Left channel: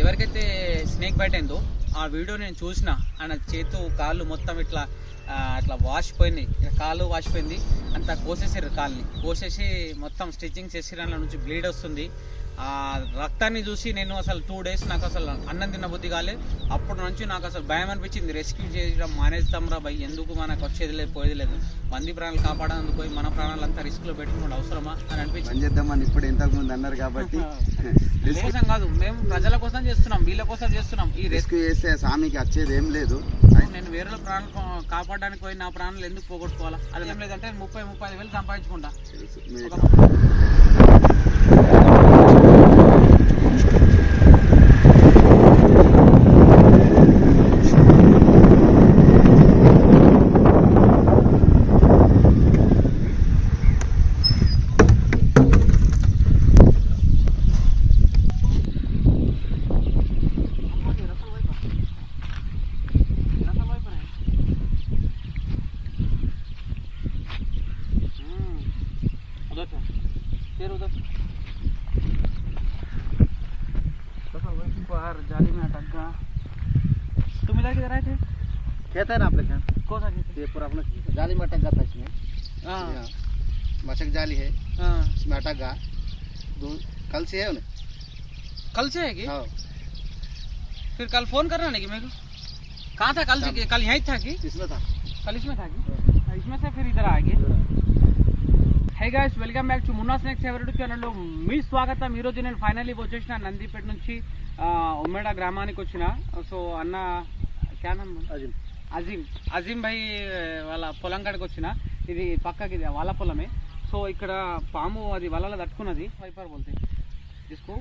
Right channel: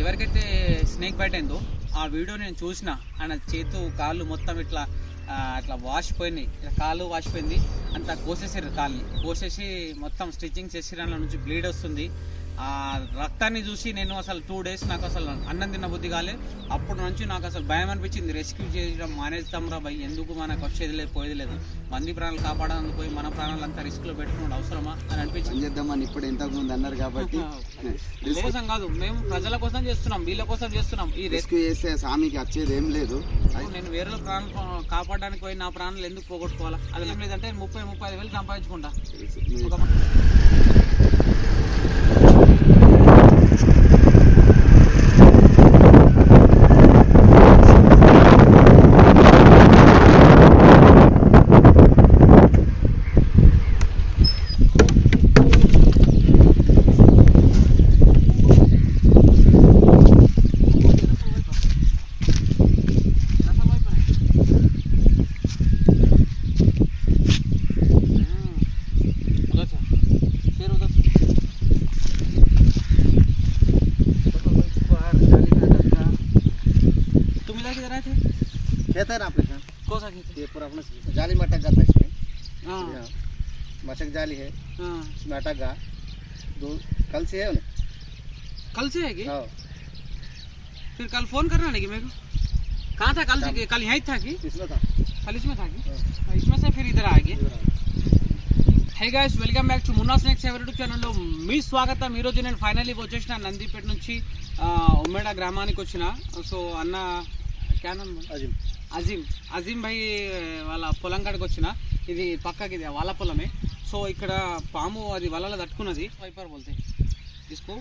ఎవరికైతే snake bite అయిందో ఆ వీడియో నేను చూసిన. ఆయన చేతు కాళ్ళు మొత్తం ఇట్లా అట్లా వాసిపోయినాయి, కాళ్ళు వాసిపోయింది. అంతా కోసేసారు, కాళ్ళని కోసేసి మొత్తం స్టిచ్చింగ్ చేసి దాంట్లో నుంచి బ్లీడ్ వస్తుంది. ఆ రక్తాన్ని చూసి నేను అసలు 2 days నాకు అసలు అన్నం తిన్న బుద్ధి కాలేదు. అప్పటి నుంచి నాకు అసలు భయం అనిపించింది. రెస్క్యూ చేయడం మానేస్తాం రా భయ్, ఎందుకు మనకు వచ్చేది లేదు పోయేది లేదు, మంది ప్రాణాలు కాపాడడానికి పోయి మన ప్రాణాలు అంతా రిస్క్ లో పెట్టుకోవడం అవసరమా అని అనిపించింది. చేద్దామని ఇప్పుడు ఇంతకు ముందు అన్నారు కాబట్టి కోసం కాదు, మేము ప్రజల కోసం చేస్తున్నాం, వీళ్ళ కోసం చేస్తున్నాం. ఈ రెస్క్యూ చేస్తే స్వామికి వచ్చేది ఏం లేదు. నేను వేరే ప్రాణాలు కాపాడడానికి పోయి నా ప్రాణాలు ఎందుకు పోగొట్టుకోవాలా? అది ఏం లేదంటే 30-35 వేలు సంపాదించుకుంటా. कहते हैं ना आपके कौन सा कहते ये पूरा अपना जाली में अटक जाता है इसमें। हाँ मशक जाली है, इसमें अटक गया। कल से है उन्हें, कल से है कि? हाँ फिर कल फोन करना नहीं कि मेरे को? कहाँ था कल से? कल यहीं था कि? इसमें था, कल इसमें था कि? इसमें से फिर इधर आ गए. Hi guys, welcome back to Munna snakes YouTube ఛానల్లో మీ స్వాగతం. ఈరోజు నేను ఫైనల్లీ వచ్చేసిన నందిపేట నుంచి ఉమ్మేడ గ్రామానికి వచ్చిన. సో అన్న క్యాన్ అజీం భాయ్ వాళ్ళ పొలం కాడికి వచ్చిన. ఇది పక్కకి ఇది వాళ్ళ పొలమే. సో ఇక్కడ పాము అది వలలో తట్టుకున్నది. స్వైపర్ బోల్తే ఇస్కో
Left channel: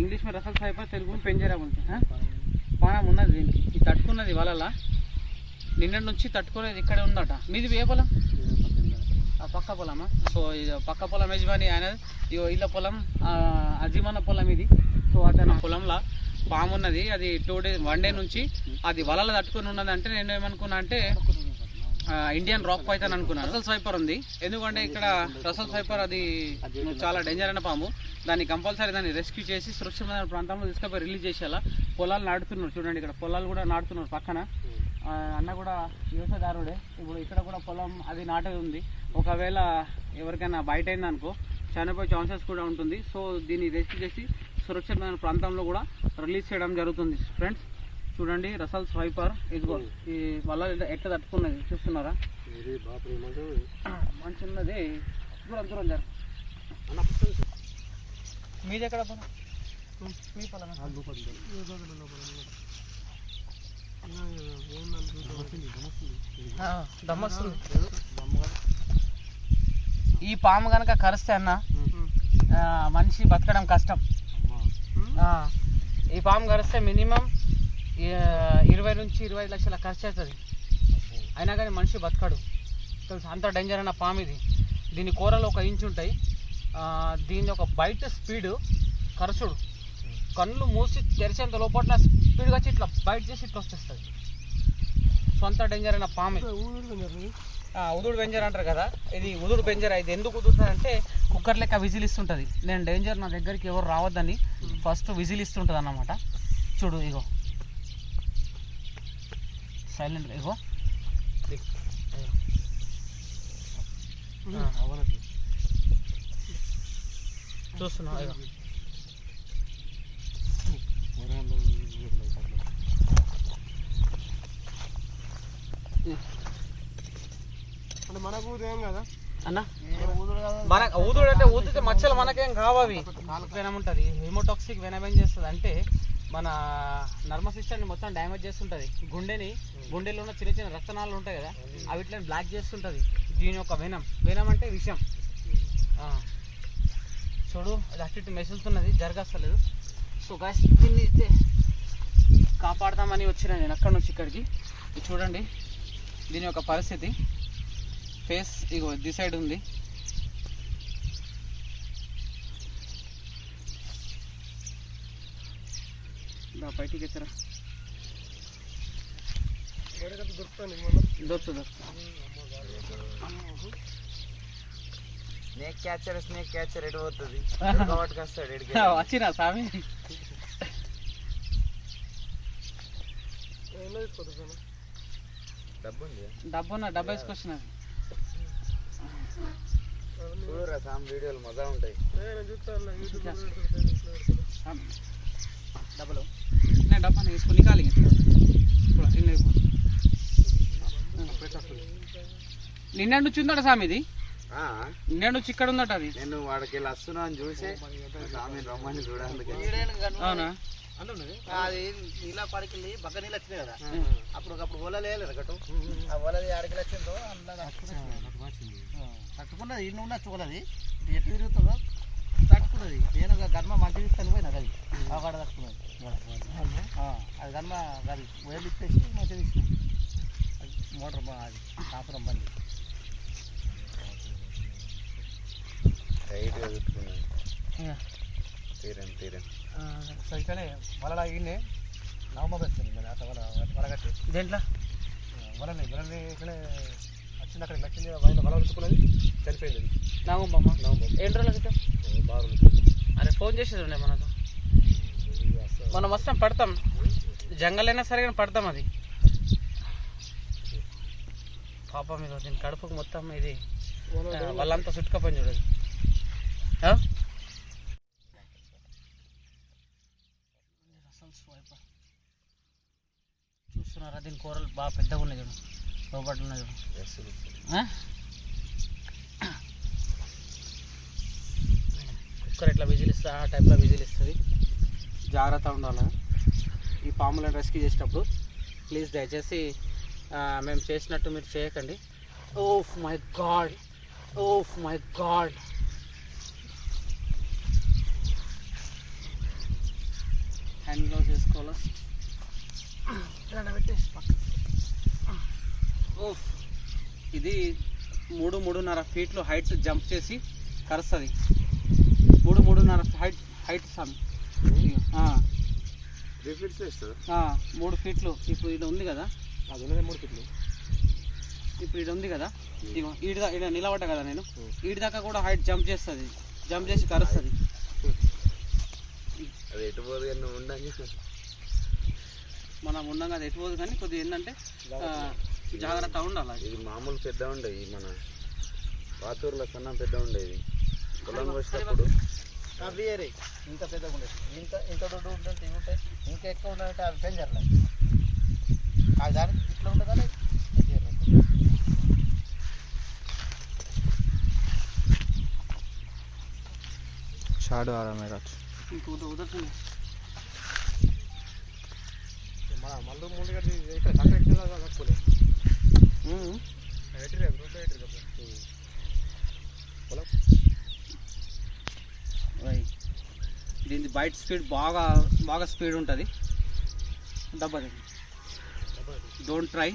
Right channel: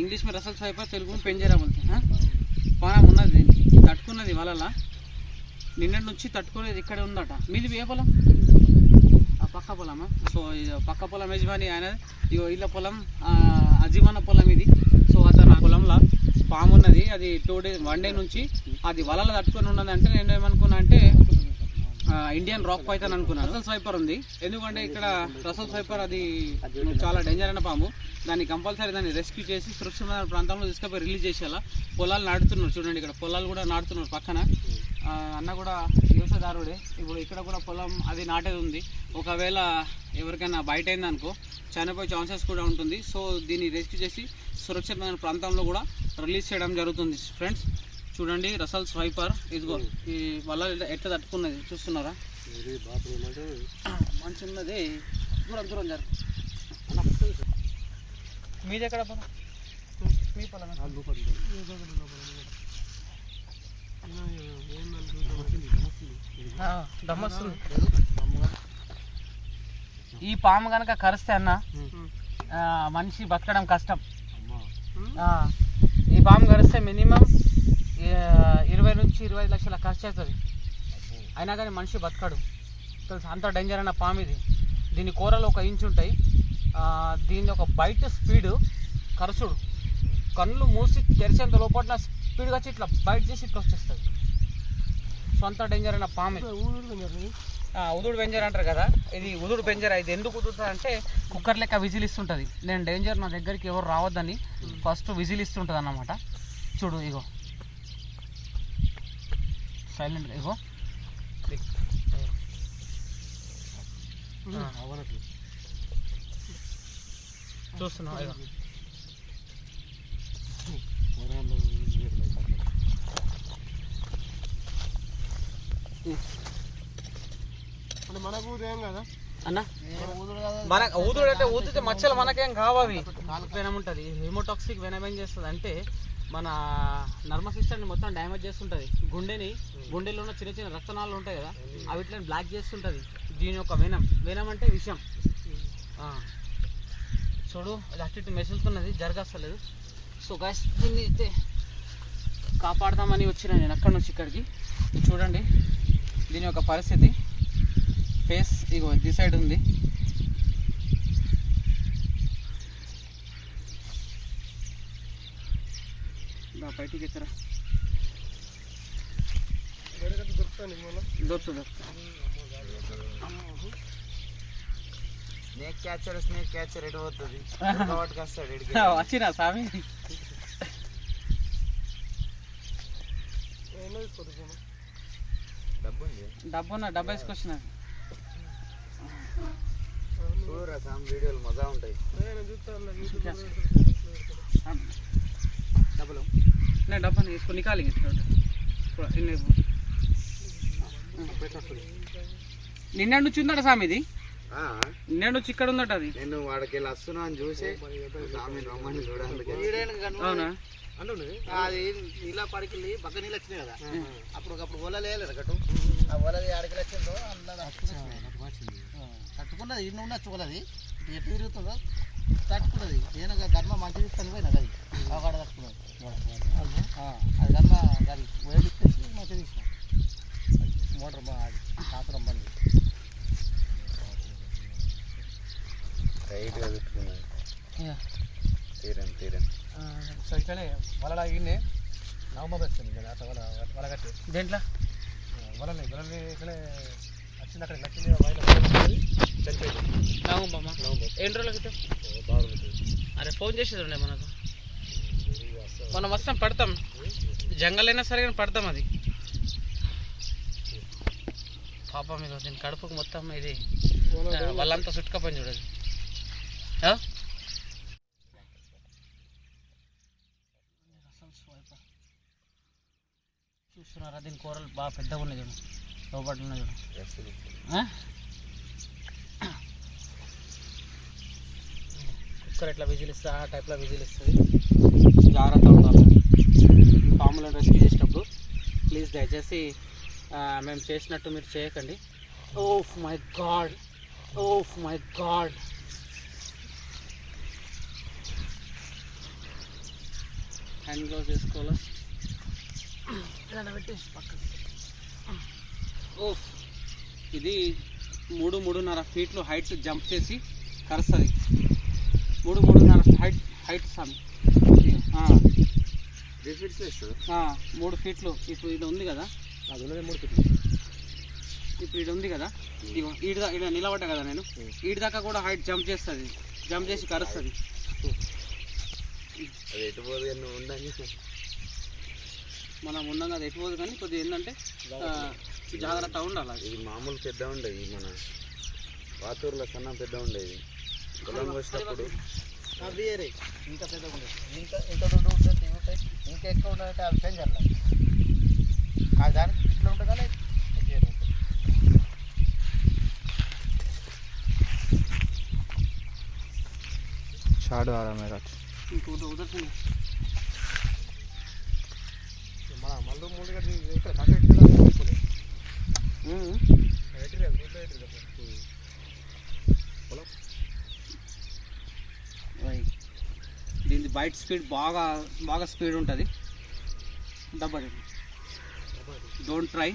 ఇంగ్లీష్ में రసల్ స్వైపర్, తెలుగు में పెంజరా బోల్తే. పాము ఉన్నది తట్టుకున్నది వలలా. నిన్నటి నుంచి తట్టుకునేది ఇక్కడ ఉందట. మీది ఏ పొలం? పక్క పొలమా? సో పక్క పొలం యజమాని ఆయన, ఇళ్ళ పొలం అజీమన్న పొలం ఇది. సో అతను పొలంలో పాము ఉన్నది. అది 1 day నుంచి అది వలలు తట్టుకొని ఉన్నది. అంటే నేను ఏమనుకున్నా అంటే ఇండియన్ రాక్ పైథాన్ అనుకున్నాను. రసల్ స్వైపర్ ఉంది. ఎందుకంటే ఇక్కడ రసల్ స్వైపర్ అది చాలా డేంజర్ అయిన పాము. దాన్ని కంపల్సరీ దాన్ని రెస్క్యూ చేసి సురక్షితమైన ప్రాంతంలో తీసుకుపోయి రిలీజ్ చేసేలా. పొలాలు నాటుతున్నారు చూడండి, ఇక్కడ పొలాలు కూడా నాటుతున్నారు పక్కన. అన్న కూడా వ్యవసాయదారుడే. ఇప్పుడు ఇక్కడ కూడా పొలం అది నాటేది ఉంది. ఒకవేళ ఎవరికైనా బయట అయిందనుకో చనిపోయే ఛాన్సెస్ కూడా ఉంటుంది. సో దీన్ని రెస్క్యూ చేసి సురక్షితమైన ప్రాంతంలో కూడా రిలీజ్ చేయడం జరుగుతుంది. ఫ్రెండ్స్ చూడండి, రసల్ స్వైపర్ ఇదిగో ఈ వల్ల ఎట్లా తట్టుకున్నది చూస్తున్నారా? మంచి ఉన్నది. దూరం జరు. మీది ఎక్కడ పొలం? మీ పొలం ఈ పాము కనుక కరిస్తే అన్న మనిషి బతకడం కష్టం. ఈ పాము కరిస్తే మినిమం 20 నుంచి 25 లక్షల ఖర్చు అవుతుంది. అయినా కానీ మనిషి బతకడు. అంత డేంజర్ అన్న పాము ఇది. దీని కూరలు 1 ఇంచ్ ఉంటాయి. దీని ఒక బయట స్పీడ్ కరచుడు, కళ్ళు మూసి తెరిచేంత లోపల స్పీడ్గా వచ్చి ఇట్లా బయట చేసి ఇట్లా వచ్చేస్తుంది. సొంత డేంజర్ అయిన పాము. ఉదుడు బెంజర్ అంటారు కదా, ఇది ఉదుడు బెంజర్. ఇది ఎందుకు ఉదురుతుంది అంటే కుక్కర్ లెక్క విజిల్ ఇస్తుంటుంది. నేను డేంజర్, నా దగ్గరికి ఎవరు రావద్దని ఫస్ట్ విజిల్ ఇస్తుంటుంది అన్నమాట. చూడు ఇగో సైలెంట్, ఇగో చూస్తున్నావు. ఇగో మనకు ఏం కదా అన్న, మన ఊదుడు అంటే ఊదితే మచ్చలు మనకేం కావవి. వెనం ఉంటుంది, హెమోటాక్సిక్ వెనం ఏం చేస్తుంది అంటే మన నర్మ సిస్టమ్ని మొత్తం డ్యామేజ్ చేస్తుంటుంది. గుండెలో ఉన్న చిన్న చిన్న రక్తనాళాలు ఉంటాయి కదా, అవి ఇట్లా బ్లాక్ చేస్తుంటుంది. దీని యొక్క వెనం అంటే విషం. చూడు అది అటు ఇటు మెసులుతున్నది, జరగస్తలేదు. సో గాయ్స్, దీన్ని అయితే కాపాడదామని వచ్చిన నేను అక్కడి నుంచి ఇక్కడికి. ఇది చూడండి దీని యొక్క పరిస్థితి. ఫేస్ ఇగో ది సైడ్ ఉంది. బయటికి ఎత్తరా, దొరుకుతుంది. స్నేక్ క్యాచర్ ఎడిపోతుంది. వచ్చినా స్వామి డబ్బా వేసుకొచ్చిన వీడియోలు మజా ఉంటాయి. డబ్బులు నేను డబ్బాని వేసుకొని కాలి నిన్న నుంచి ఉందట స్వామి ఇది, నిన్న నుంచి ఇక్కడ ఉందట అది. నేను వాడికి వెళ్ళి వస్తున్నా అని చూసి స్వామి రమ్మని చూడాలి. అవునా? అది నీళ్ళ పడికి బగ్గ నీళ్ళు వచ్చినాయి కదా, అప్పుడు ఓలలు వేయలేదు గట్టు. ఆ ఓలది ఆడికి వచ్చిందో తట్టుకున్నది. ఇన్ని ఉండొచ్చు ఓలది, ఎట్టు తిరుగుతుందో తట్టుకున్నది. నేను గర్మ మంచి తీసుకొని పోయినా అది అక్కడ తట్టుకున్నది. అది గర్మ అది ఓయలు ఇచ్చేసి మంచిగా తీసుకున్నాం. మోటార్ అది కాపురం బండి ఇట్లనే వలలా ఇన్నే నవంబర్ వస్తుంది వలగట్టి దేంట్లో వలని ఇట్లనే వచ్చింది. అక్కడ నచ్చింది వల చనిపోయింది. నవంబమ్మ ఎన్ని రోజులకి బాగా అరే ఫోన్ చేసేది ఉండే మనకు, మనం వస్తాం పడతాం, జంగల్ అయినా సరే కానీ పడతాం. అది పాపం మీద దీని కడుపుకు మొత్తం ఇది వాళ్ళంతా చుట్టుకపోయింది చూడదు. చూస్తున్నారా, దీని కూరలు బాగా పెద్దగా ఉన్నాయి చూడు, లోపల ఉన్నాయి చూడు. కుక్కర్ ఎట్లా విజిల్ ఇస్తుంది ఆ టైప్లో విజిల్ ఇస్తుంది. జాగ్రత్త ఉండాలి ఈ పాములను రెస్క్యూ చేసేటప్పుడు. ప్లీజ్ దయచేసి మేము చేసినట్టు మీరు చేయకండి. Oh my God, oh my God. Hand glove వేసుకోవాలా? పెట్టేసి పక్కన. ఓఫ్, ఇది 3-3.5 ఫీట్లు హైట్ జంప్ చేసి కరుస్తుంది. 3-3.5 హైట్ స్వామి. 3 ఫీట్లు. ఇప్పుడు ఇది ఉంది కదా, అది 3 ఫీట్లు. ఇప్పుడు ఇది ఉంది కదా, ఇగో ఈడ నిలబడ్డా కదా నేను, ఈడి దాకా కూడా హైట్ జంప్ చేస్తుంది, జంప్ చేసి కరుస్తుంది. మనం ఉన్నాం కదా ఎటుపోదు, కానీ కొద్దిగా ఏంటంటే జాగ్రత్త ఉండాలి. ఇది మామూలు పెద్ద ఉండేది, మన వాతూరులో కన్నా పెద్ద ఉండేది. అది ఇంకా పెద్దగా ఉండేది. ఇంత దొడ్డు ఉంటుంది, ఇంకా ఎక్కువ ఉండాలంటే అది పెంచాలి. అది దానికి ఇట్లా ఉంటుంది కానీ షాడ్ आ रहा है मेरा ఇంకో ఉదర్ से దీని బైట్ స్పీడ్ బాగా స్పీడ్ ఉంటుంది. డబ్బా డోంట్ ట్రై.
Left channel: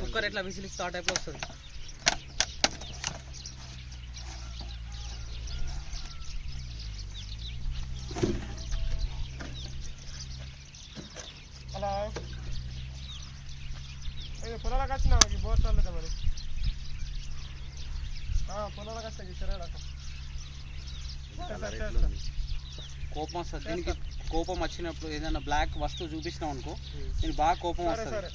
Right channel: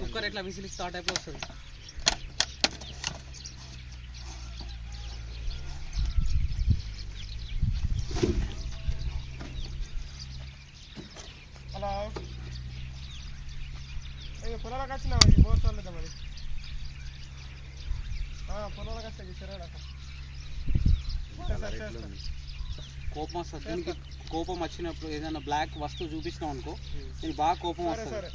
కుక్కర్ ఎట్లా విసిల్ స్టార్ట్ అయిపోయి వస్తుంది. అలా పొలాలకు వచ్చినా బోర్సాలు మరి పొలాలకు వస్తాయి సరే. కోపం వస్తుంది దీనికి. కోపం వచ్చినప్పుడు ఏదైనా బ్లాక్ వస్తువు చూపించినాం అనుకో, దీనికి బాగా కోపం వస్తుంది.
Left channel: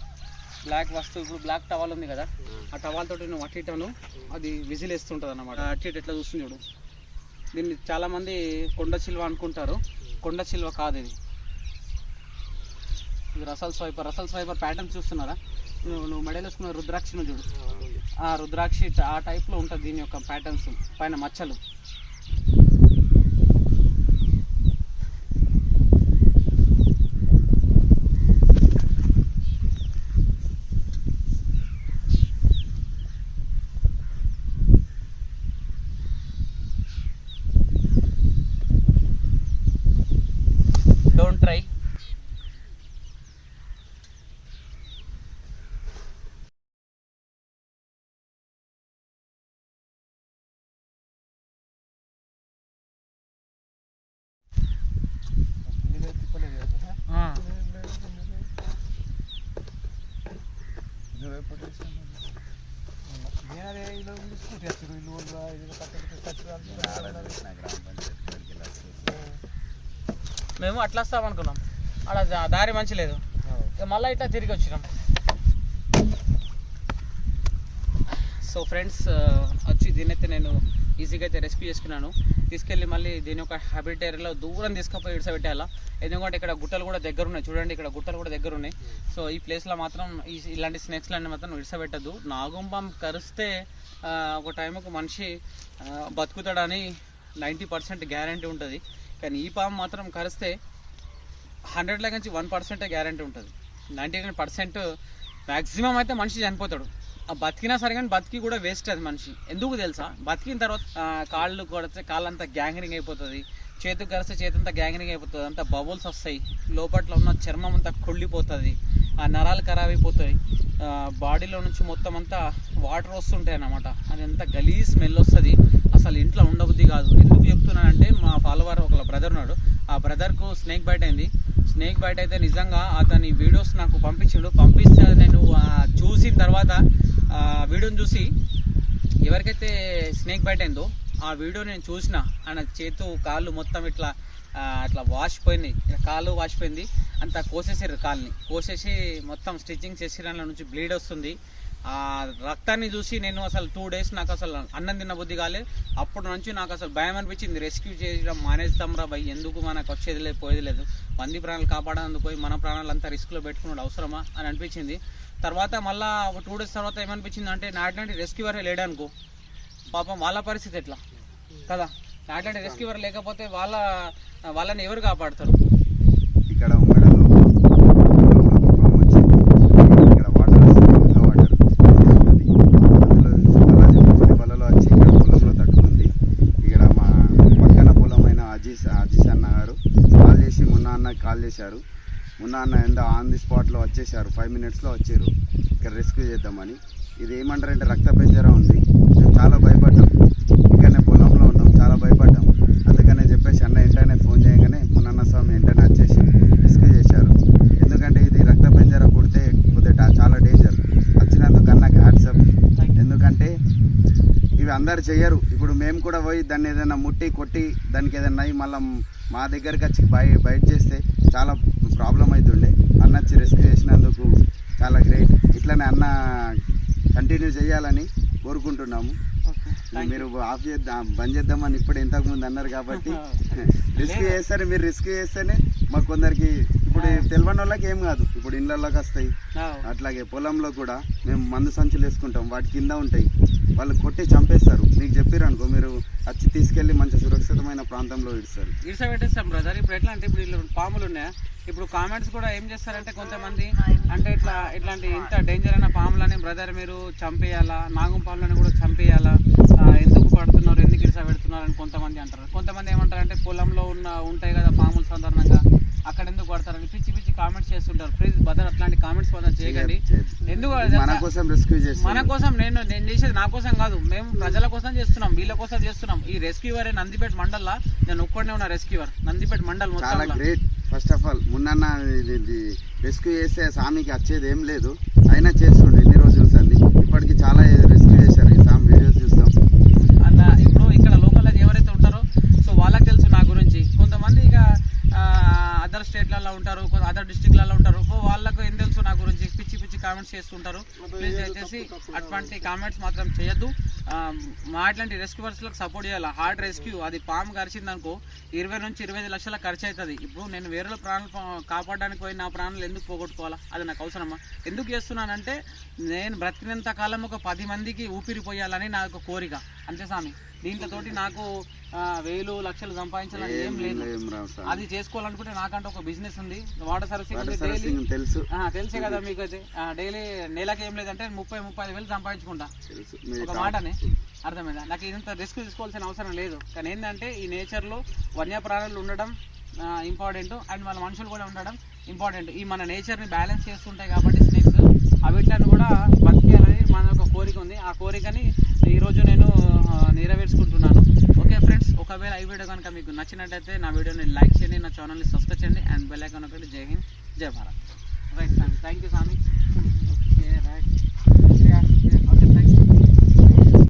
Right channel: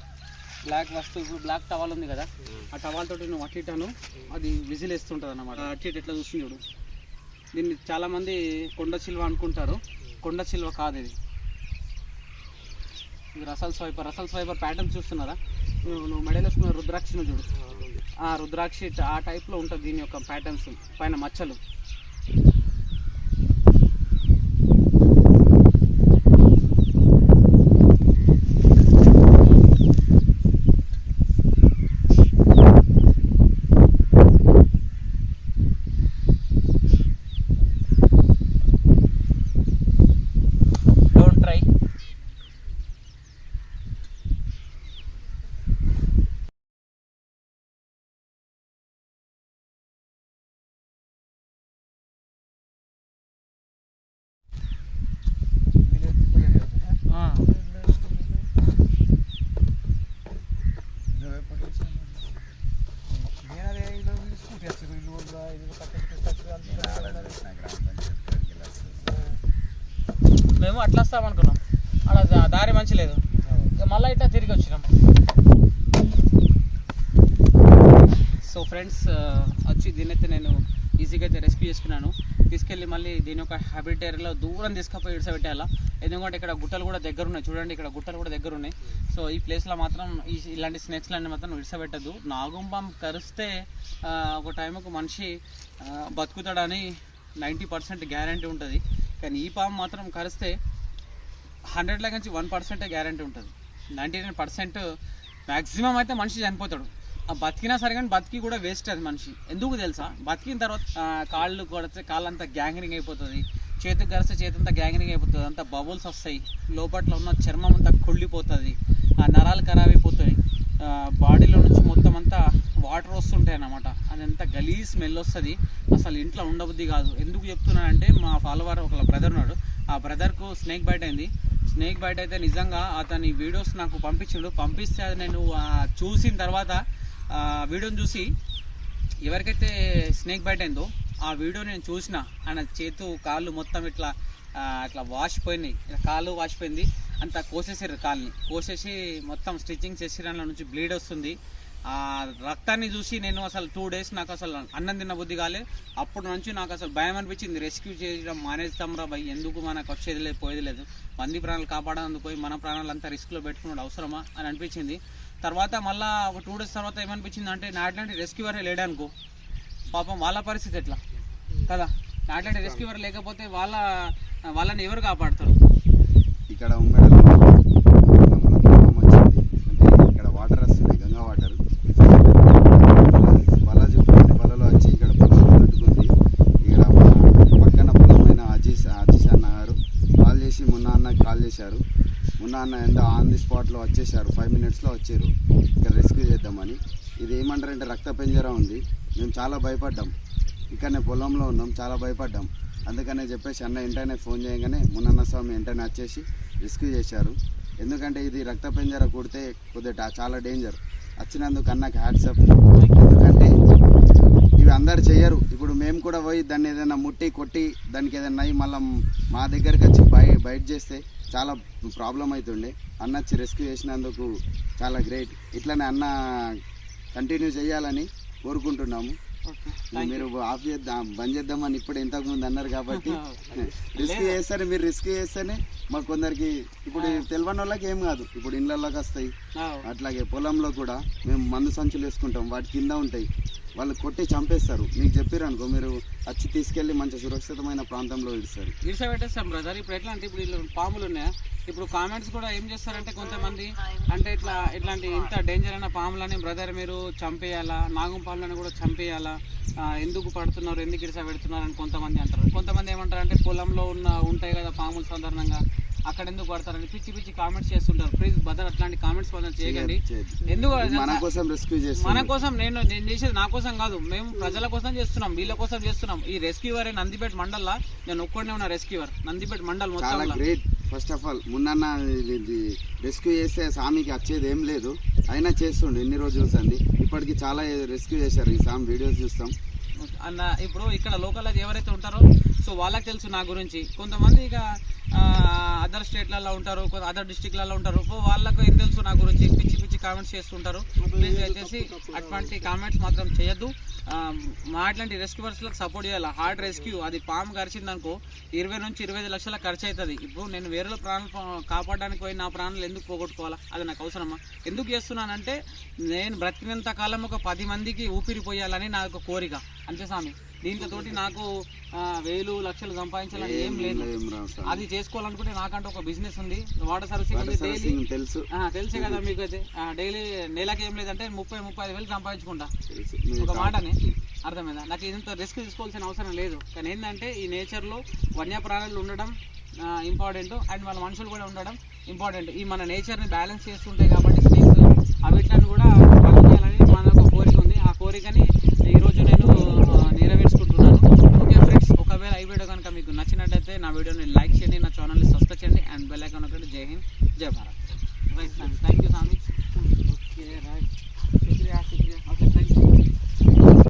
బ్లాక్ వస్తువు, ఇప్పుడు బ్లాక్ టవల్ ఉంది కదా, ఆ టవాల్ తోటి నువ్వు అట్టిటాను అది విజిల్ వేస్తుంటుంది అన్నమాట. అట్టి ఎట్లా చూస్తుంది చూడు. దీన్ని చాలామంది కొండ చిల్వ అనుకుంటారు, కొండ చిల్వ కాదు ఇది. ఇది రసల్ స్వైపర్ ప్యాటర్న్ చూస్తున్నారా? నువ్వు మెడలో వేసుకున్న రుద్రాక్షను చూడు, ఆ రుద్రాక్షి ఆ టైప్లో ఉంటుంది దీని యొక్క ప్యాటర్న్స్, పైన మచ్చలు. Don't try. మేము అట్లా వస్తాం అనుకున్నాం, అక్కడ దారి మంచి లేదు, ఇక మళ్ళీ ఇట్లా తిరిగి వచ్చినాం. సో ఫ్రెండ్స్ వచ్చి దీన్నైతే నేను ఈజీగా అయితే రెస్క్యూ చేసుకున్నాను. తీసుకెళ్ళి మళ్ళీ దీని యొక్క హ్యాబిట్ ఏరియాలో దూరం తీసుకుపోయి ఇడిసబెట్టాలా, ఎందుకంటే ఇక్కడ గుట్టలు కూడా దగ్గర ఉన్నాయి. చూడండి ఇక్కడ గుట్టలు కూడా దగ్గర ఉన్నాయి. సో ఈ ప్లేస్లో మాత్రం ఇలాంటి స్నేక్స్లన్నీ మాత్రం ఇడిసబెట్టద్దు. నాగుంపం కరిస్తే ఒక టైంకు మనిషి బతుకుతాడని 90% గ్యారంటీ ఉంటుంది. కానీ ఈ పాము మాత్రం కరిస్తే 100 నుంచి 1% గ్యారంటీ ఉంటుంది. 99% మ్యాక్సిమం అయితే మనిషి చనిపోతాడు. బతికినా సరే కానీ బతికి కూడా వేస్ట్ అది మనిషి. ఎందుకు తెలుసా, బతికిన తర్వాత కాళ్ళు కొడితే కాళ్ళంతా గ్యాంగ్రింగ్ అయిపోతుంది, చేతికి కరిస్తే చేతంతా గ్యాంగ్రింగ్ అయిపోతుంది, అంతా బబుల్స్ వస్తాయి, లోపల ఉన్న చర్మం అంతా కుళ్ళిపోతుంది, ఆ నరాలు ఖరాబ్ అయిపోతాయి, బాడీలో నుంచి మొత్తం అంతా వాటర్ వస్తుంటాయి అన్నమాట. అదంతా గలీజ్ స్మెల్ వస్తుంది, అసలు ఇంట్లో ఉండబుద్ధి కాదు. ఎందుకు చెప్తున్నానంటే మా ఫాలోవర్ ఒక బ్రదర్ ఉన్నాడు, ఆ బ్రదర్కు స్నేక్ బైట్ అయింది. స్నేక్ బైట్ అయితే నిజంగా అతని వీడియోస్ నాకు పంపిస్తే అది నేను చూసిన తర్వాత వీడియోని చూసి ఎవరికైతే స్నేక్ బైట్ అయిందో ఆ వీడియో నేను చూసిన, ఆయన చేతు కాళ్ళు మొత్తం ఇట్లా వాసిపోయినాయి, కాళ్ళు వాసిపోయింది, అంతా కోసేసారు, కాళ్ళని కోసేసి మొత్తం స్టిచ్చింగ్ చేసి దానిలో నుంచి బ్లీడ్ వస్తుంది. ఆ రక్తాన్ని చూసి నేను అసలు 2 days నాకు అసలు అన్నం తిన్న బుద్ధి కాలే. అప్పటి నుంచి నాకు అసలు భయం అనిపించింది, రెస్క్యూ చేయడం మానేస్తాంరా భయ్, ఎందుకు మనకు వచ్చేది లేదు పోయేది లేదు, మంది ప్రాణాలు కాపాడేందుకు పోయి మన ప్రాణాలు అంతా రిస్క్లో పెట్టుకున్నాడు అవసరమా అని అనిపించింది. తర్వాత మళ్ళీ ఒక 2 days తర్వాత ఏమనిపించింది అంటే నాట్లాంటి రెస్క్యూవరే లేడనుకో, పాపం వాళ్ళ పరిస్థితి ఎట్లా కదా, నాట్లాంటి రెస్క్యూవర్ లేకపోతే వాళ్ళని ఎవరు కాపాడుతారు. ఇక్కడ ఇక్కడ వాటర్ వస్తుంది, గంగా వాటర్ పొలంలో వచ్చి ఇక్కడ పొలంలో తట్టుకుంది. ఇక్కడ మా పక్కన పొలమైన అజీష్ అన్న గారు కాల్ చేసి మున్నా కాల్ చేశారు. మున్నా అన్న ఆన్ ది స్పాట్లో వచ్చేసారు, 5 minutesలో వచ్చారు ఇక్కడ రెస్క్యూ చేద్దామని. ఇది ఏమంటారంటే రక్త పెంజరా ఉంది, మేము చాలా భయపడ్డాం, ఇక్కడనే పొలంలో ఉన్నాం, చాలా భయపడ్డాం. అందుకనే చెప్పేసి అన్న వెంటనే ఫోన్ చేయగానే మున్న స్వామి వెంటనే వచ్చేసి రెస్క్యూ చేశారు. ఎందుకంటే ఇది రక్త పెంజర కుడితే కొద్దిగా చాలా డేంజర్. వచ్చినందుకు అన్నకి హ్యాట్సప్. ఎందుకంటే ఇవి అందరు చెయ్యరు. ఇప్పుడు మేము కూడా పోయి దాన్ని ఏదైనా ముట్టి కొట్టి దానికి ఏదైనా అయ్యి మళ్ళీ మా దగ్గరికి వచ్చి బయట చేస్తే చాలా ప్రాబ్లం అవుతుండే. అన్న వచ్చి రెస్క్యూ చేసినందుకు చాలా గ్రేట్. ఇట్లనే అన్న కంటిన్యూ చేయాలని కోరుకుంటున్నాము. మీరు ఆఫ్ చేద్దాం బంద్ చేద్దామని ఇప్పుడు ఇంతకుముందు అన్నారు కాబట్టి రిస్క్ చేస్తారు. మీరు రిస్క్ చేస్తేనే మాకు కొందరికి ఇప్పుడు తెలియని వాళ్ళకి ఏం కాదు, ఇప్పుడు ఇళ్ళలోకి వస్తాయి. అట్లాగే పొలంలో కూడా మేము మందు సంచులు వేసుకుంటాం, వాటి కింద ఉంటాయి, వాళ్ళు కొట్టి చంపేస్తారు. మీకు చెప్పారు అనుకో, మీరు వచ్చి తీసుకెళ్ళి మంచి సురక్షితమైన ప్రాంతంలో ఇడిసబెట్టేస్తాం బ్రదర్. ఇప్పుడు ఎట్లా అంటే ఇప్పుడు పాములు ఉన్నాయా, ఇప్పుడు కామెంట్స్ కూడా ఏం చేస్తారంటే కొంతమంది అంటే ఇట్లాంటి ఇంత డేంజర్ అయిన పాములని బ్రదర్ మీరు చంపేయాలా, నాగం పాములని కూడా చంపేయాలా, ఎందుకు పడుతున్నారు, ఎందుకు ఇడిసబెడుతున్నారు అని కొంతమంది అంటారు. కొంతమంది ఏమంటారు అంటే పొలంలో ఉంటాయి కదా పాములు సాధారణంగా, అక్కడ ఎందుకు పడతారని పిచ్చి పిచ్చి కామెంట్స్ చేస్తుంటారు. ప్లీజ్ బ్రదర్ అట్లాంటి కామెంట్స్ మనం చేయకండి. ఎందుకు మన కోసం నేను చేసేది నా కోసం కాదు, మేము ప్రజల కోసం చేస్తున్నాం, వీళ్ళ కోసం చేస్తున్నాం. ఈ రెస్క్యూవర్ నందిపేట మండల్లో నేను ఒక్కడే ఉన్న రెస్క్యూవర్, నందిపేట మండల్ మొత్తం. First of all Munna rescue చేస్తే స్వామికి వచ్చేది ఏం లేదు, అయినా చేస్తుండే ఎన్ని రోజులు సంది. ఇప్పటికి చాలా రెస్క్యూ చేశారు, ఈ స్వామి వీడియోస్ చూస్తాం అలా. ఇప్పుడు ఇక్కడ లోకల్ ఎవరైతే ఉంటారో సో వాళ్ళకి తెలుసు నా గురించి. కొంతమంది ఇక అదర్ స్టేట్లలో ఉంటారు, అదర్ డిస్ట్రిక్ట్లలో ఉంటారు, వాళ్ళకు ఏం తెలుసు నా గురించి, పిచ్చి పిచ్చి కామెంట్స్ చేస్తుంటారు. ప్లీజ్ దయచేసి అటువంటి కామెంట్స్ మాత్రం చేయొద్దు. మా అట్లాంటి రెస్క్యూవర్స్లకు సపోర్ట్ చేయాలి. హార్డ్ రెస్క్యూ, అది పాము కరిచింది అనుకో 20 నుంచి 25 లక్షల ఖర్చు అవుతుంది. ఇప్పుడు నేను వేరే ప్రాణాలు కాపాడడానికి పోయి నా ప్రాణాలు ఎందుకు పోగొట్టుకోవాలా, అది నాకు అవసరమా? ఎందుకు చేస్తున్నానంటే నేను బ్రతికినంత కాలం ఒక 10 మందికి ఊపిరి పోయాలని నా యొక్క కోరిక, అంతే స్వామి. దీంతోటి నాకు 1000 లక్షలు సంపాదించాలని ఏం లేదు. అది చేసుకోవాలనుకుంటే నాకంటే ఒక బిజినెస్ ఉంది, వాటర్ సర్వీసింగ్ తెలుసే కదా మీకు. అయితే డైలీ నెలకి ఏం లేదంటే 30-35 వేలు సంపాదించుకుంటా, ఒక మాటని అర్థమైందా? నాకు ఇదంతా రిస్క్ తీసుకోవాల్సిన అవసరం లేదు. కానీ ఏంటంటే ఈ నేచర్లో వన్యప్రాణులు ఉండడం ఇంపార్టెంట్, అండ్ వాళ్ళ మనుషులు కూడా ఉండడం ఇంపార్టెంట్. ఈ మన నేచర్ని బ్యాలెన్స్ చేస్తుంటాయి కాబట్టి స్నేక్స్ అవిట్లను కూడా